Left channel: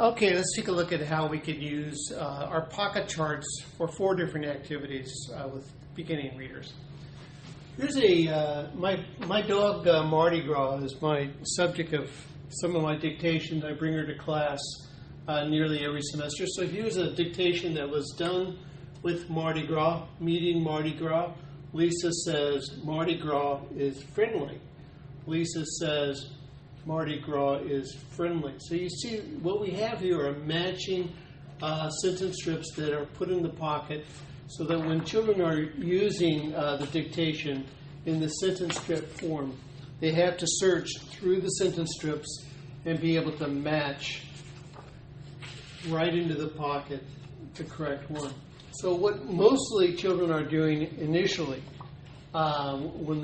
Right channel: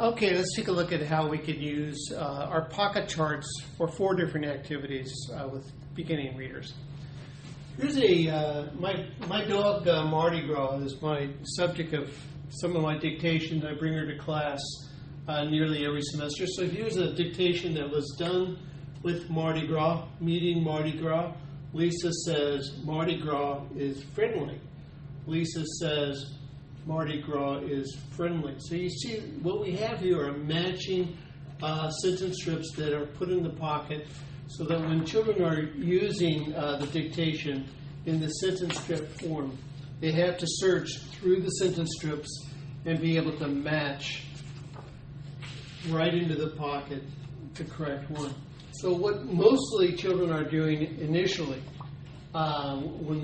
Okay, let's take a look at how we could use our pocket charts for 4 different activities with beginning readers. Here's my dog Mardi Gras is my subject of some of my dictations. I bring her to class nearly every semester. So here's a dictation that was done with Mardi Gras, meeting Mardi Gras. Lisa says Mardi Gras is friendly. Lisa says Mardi Gras is friendly. So you see what we have here are matching sentence strips that are put in the pocket so that when children are using the dictation in the sentence strip form, they have to search through the sentence strips and be able to match right into the pocket the correct one. So what mostly children are doing initially when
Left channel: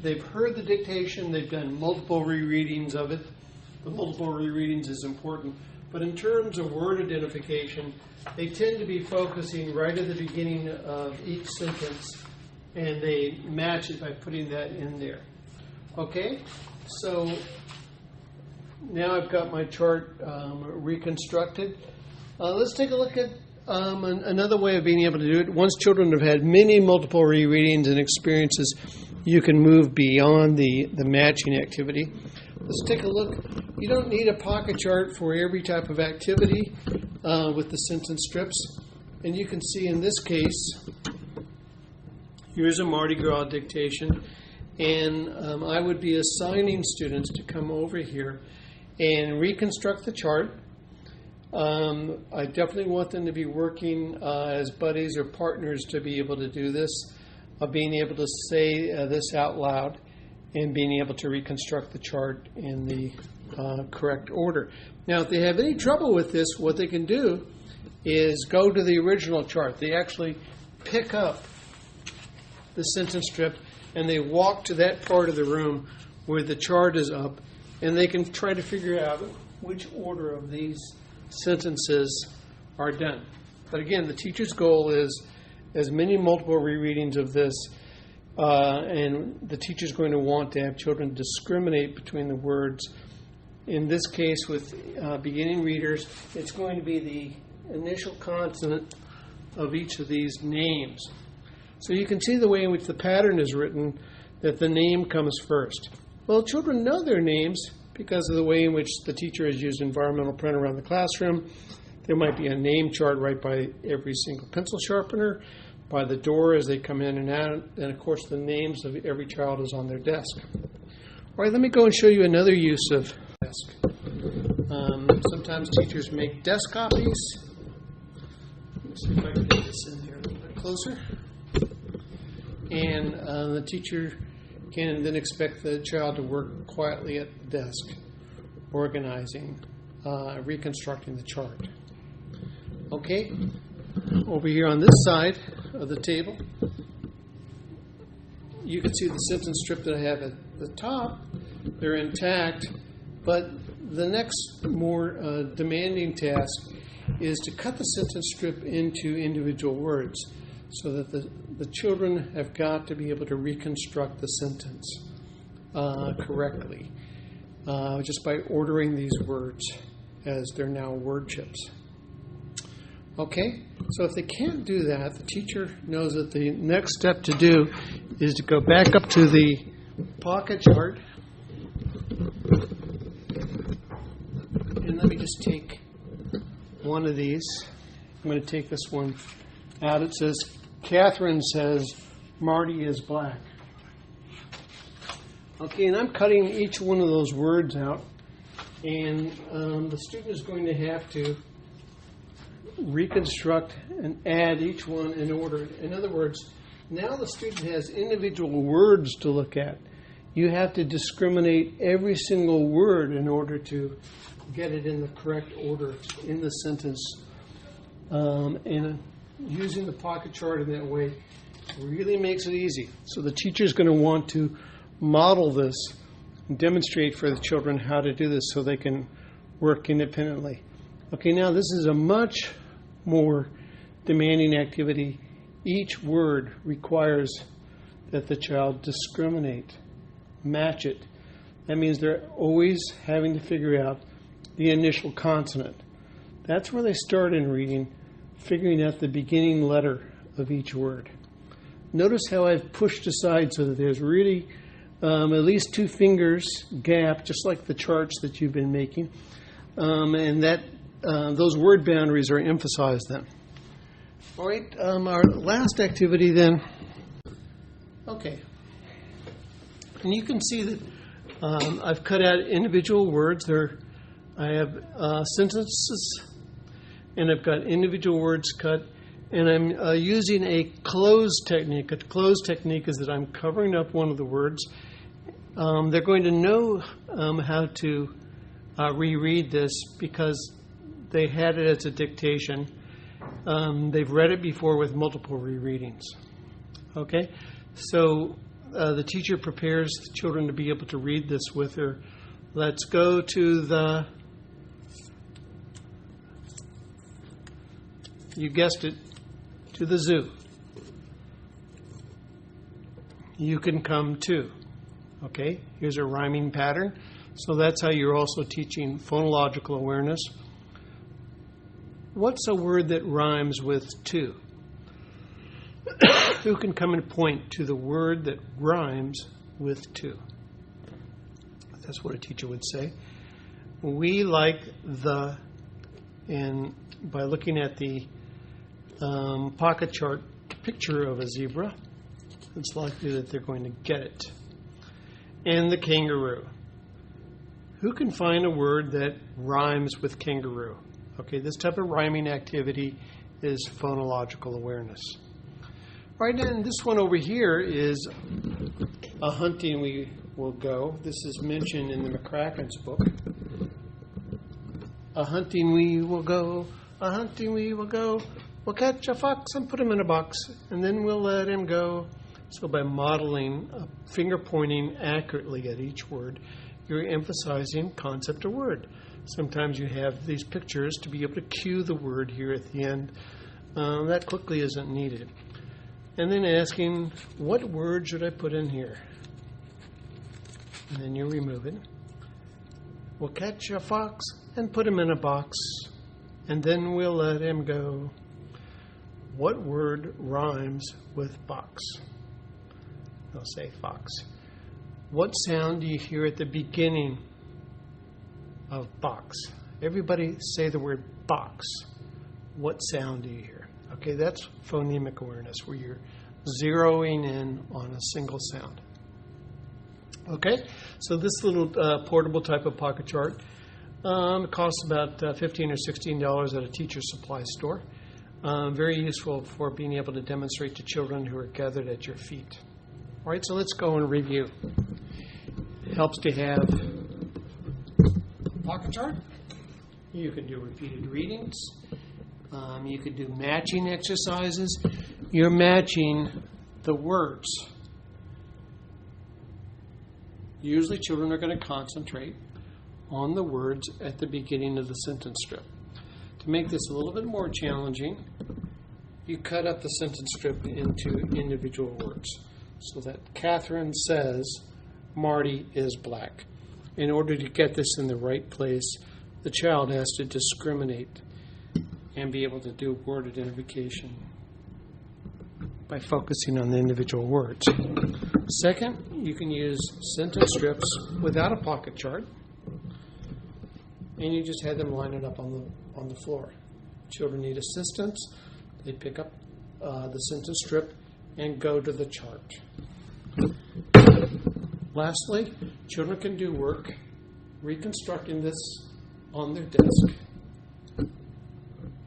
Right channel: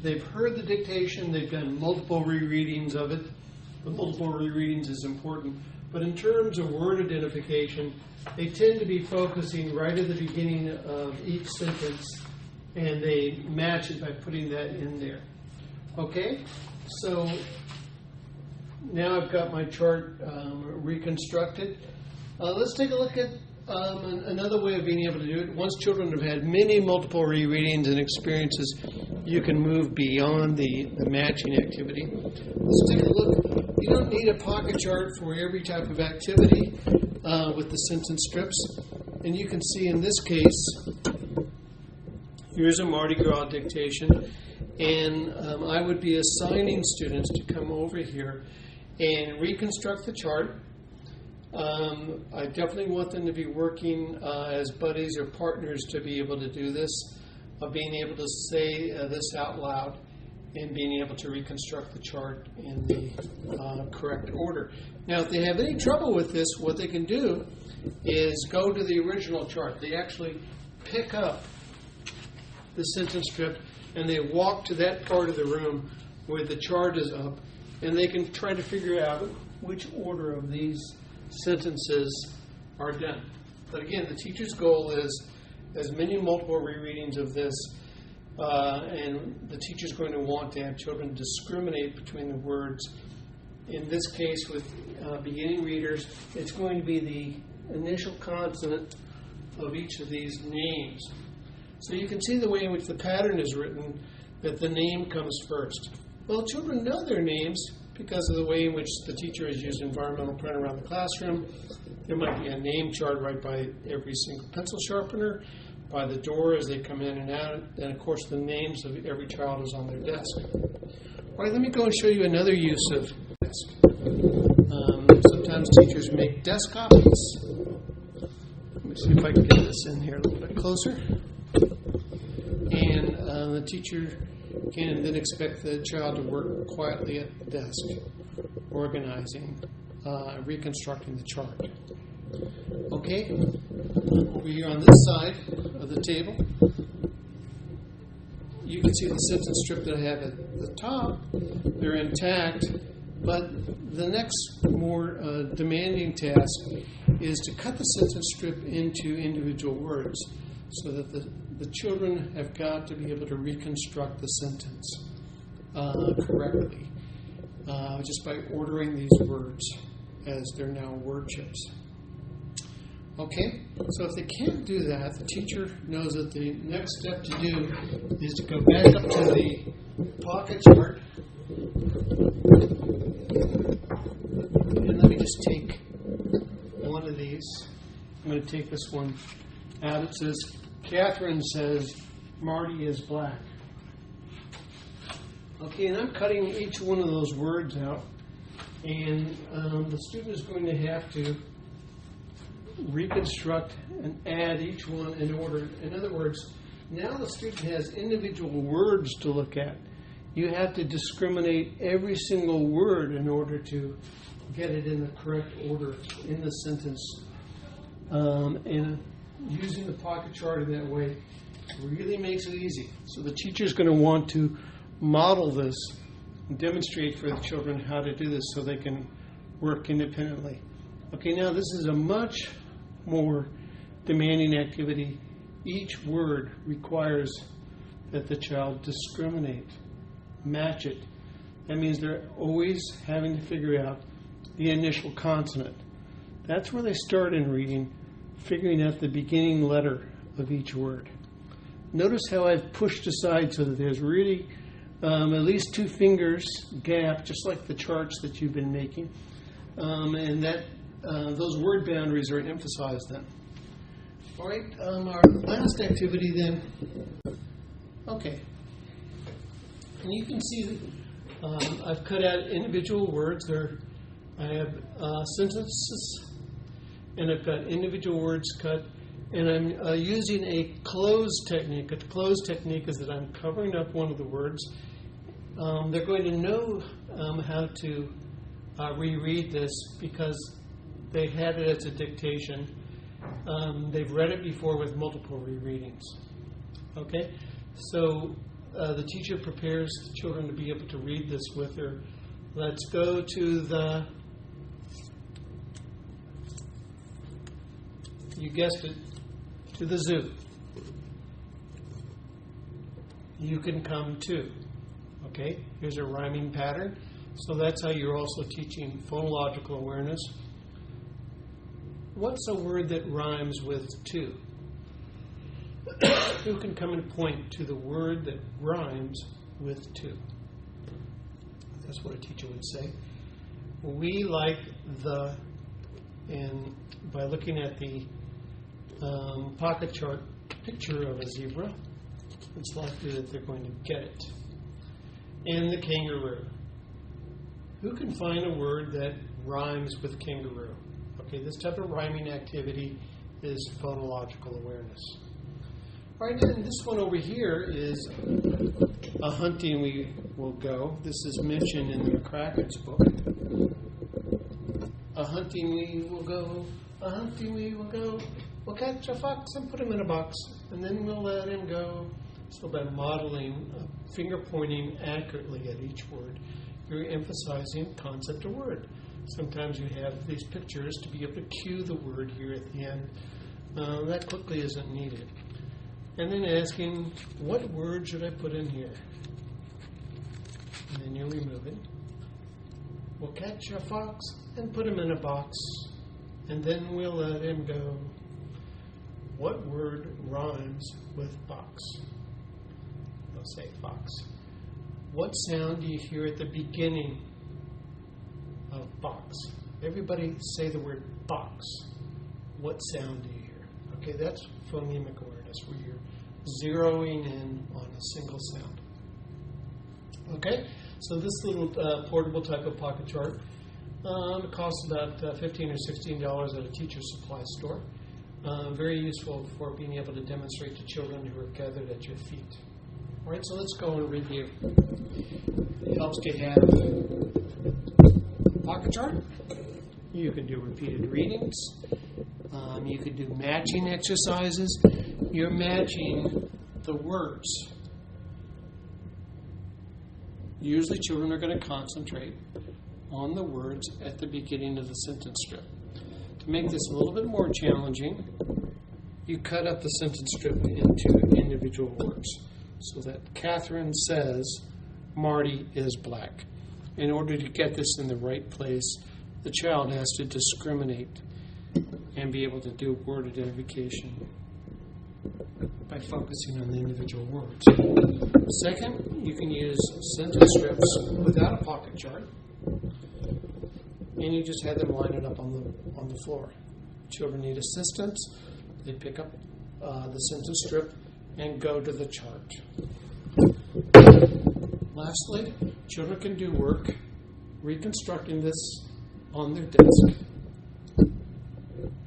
they've heard the dictation, they've done multiple rereadings of it. The multiple rereadings is important. But in terms of word identification, they tend to be focusing right at the beginning of each sentence, and they match it by putting that in there. Okay? So now I've got my chart reconstructed. Let's take a look at another way of being able to do it. Once children have had many multiple rereadings and experiences, you can move beyond the matching activity. Let's take a look. You don't need a pocket chart for every type of activity with the sentence strips. And you can see in this case, here's a Mardi Gras dictation. And I would be assigning students to come over here and reconstruct the chart. I definitely want them to be working as buddies or partners to be able to do this. Of being able to say this out loud and being able to reconstruct the chart in the correct order. Now, if they have any trouble with this, what they can do is go to the original chart. They actually pick up the sentence strip and they walk to that part of the room where the chart is up, and they can try to figure out which order of these sentences are done. But again, the teacher's goal is as many multiple rereadings of this, and the teacher's going to want to have children discriminate between the words. In this case, with beginning readers, it's going to be the initial consonant of each of these names. So you can see the way in which the pattern is written, that the name comes first. Well, children know their names because of the way in which the teacher has used environmental print around the classroom. There might be a name chart right by every single pencil sharpener, by the door as they come in and out, and of course the names of every child is on their desk. All right, let me go and show you another use of desk. Sometimes teachers make desk copies. Let me see if I can get this in here a little bit closer. And the teacher can then expect the child to work quietly at the desk, organizing, reconstructing the chart. Okay, over here on this side of the table, you can see the sentence strip that I have at the top. They're intact, but the next more demanding task is to cut the sentence strip into individual words so that the children have got to be able to reconstruct the sentence correctly just by ordering these words as they're now word chips. Okay, so if they can't do that, the teacher knows that the next step to do is to go back up to the pocket chart. And let me just take one of these. I'm going to take this one out. It says, Catherine says, Marty is black. Okay, and I'm cutting each one of those words out. And the student is going to have to reconstruct and add each one in order. In other words, now the student has individual words to look at. You have to discriminate every single word in order to get it in the correct order in the sentence. And using the pocket chart in that way really makes it easy. So the teacher is going to want to model this and demonstrate for the children how to do this so they can work independently. Okay, now this is a much more demanding activity. Each word requires that the child discriminate, match it. That means they're always having to figure out the initial consonant. That's where they start in reading, figuring out the beginning letter of each word. Notice how I've pushed aside so that there's really at least 2 fingers gap, just like the charts that you've been making, and that those word boundaries are emphasized then. All right, our last activity then. Okay, and you can see that I've cut out individual words. I have sentences, and I've got individual words cut, and I'm using a close technique. A close technique is that I'm covering up one of the words. They're going to know how to reread this because they had it as a dictation. They've read it before with multiple rereadings. Okay? So the teacher prepares the children to be able to read this with her. Let's go to you guessed it, to the zoo. You can come too. Okay? Here's a rhyming pattern. So that's how you're also teaching phonological awareness. What's a word that rhymes with to? Who can come and point to the word that rhymes with to? That's what a teacher would say. We like the, and by looking at the pocket chart picture of a zebra, it's likely that they're going to get it. And the kangaroo. Who can find a word that rhymes with kangaroo? Okay, this type of rhyming activity is phonological awareness. All right, and this one over here is a hunting we will go. This is mentioned in the McCracken's book. A hunting we will go, a hunting we will go. We'll catch a fox and put him in a box, and then we'll let him go. So by modeling finger pointing accurately at each word, you're emphasizing concept of word. Sometimes you have these pictures to be able to cue the word here at the end. That quickly isn't needed. And then asking, what word should I put in here? And then you remove it. We'll catch a fox and put him in a box, and then we'll let him go. What word rhymes with box? They'll say fox. What sound do you hear at the beginning of box? Everybody say the word box. What sound do you hear? Okay, that's phonemic awareness, where you're zeroing in on a single sound. Okay, so this little portable type of pocket chart costs about $15 or $16 at a teacher's supply store. Very useful for being able to demonstrate to children who are gathered at your feet. All right, so let's go and review. It helps to have a pocket chart. You can do repeated readings. You could do matching exercises. You're matching the words. Usually children are going to concentrate on the words at the beginning of the sentence strip. To make this a little bit more challenging, you cut up the sentence strip into individual words. So that Catherine says Marty is black. In order to get this in the right place, the child has to discriminate and be able to do word identification by focusing on the individual words. Second, you can use sentence strips without a pocket chart, and you just have them line it up on the floor. Children need assistance. They pick up the sentence strip and go to the chart. Lastly, children can do work reconstructing this on their desk.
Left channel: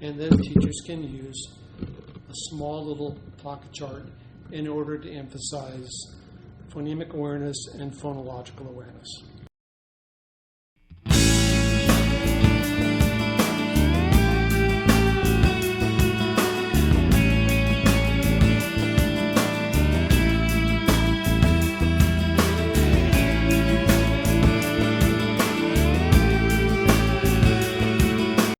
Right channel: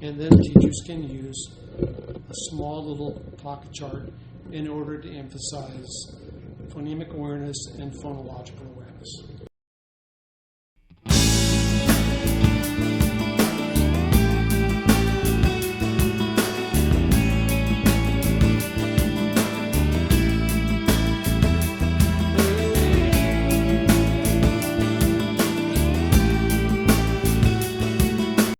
And then teachers can use a small little pocket chart in order to emphasize phonemic awareness and phonological awareness.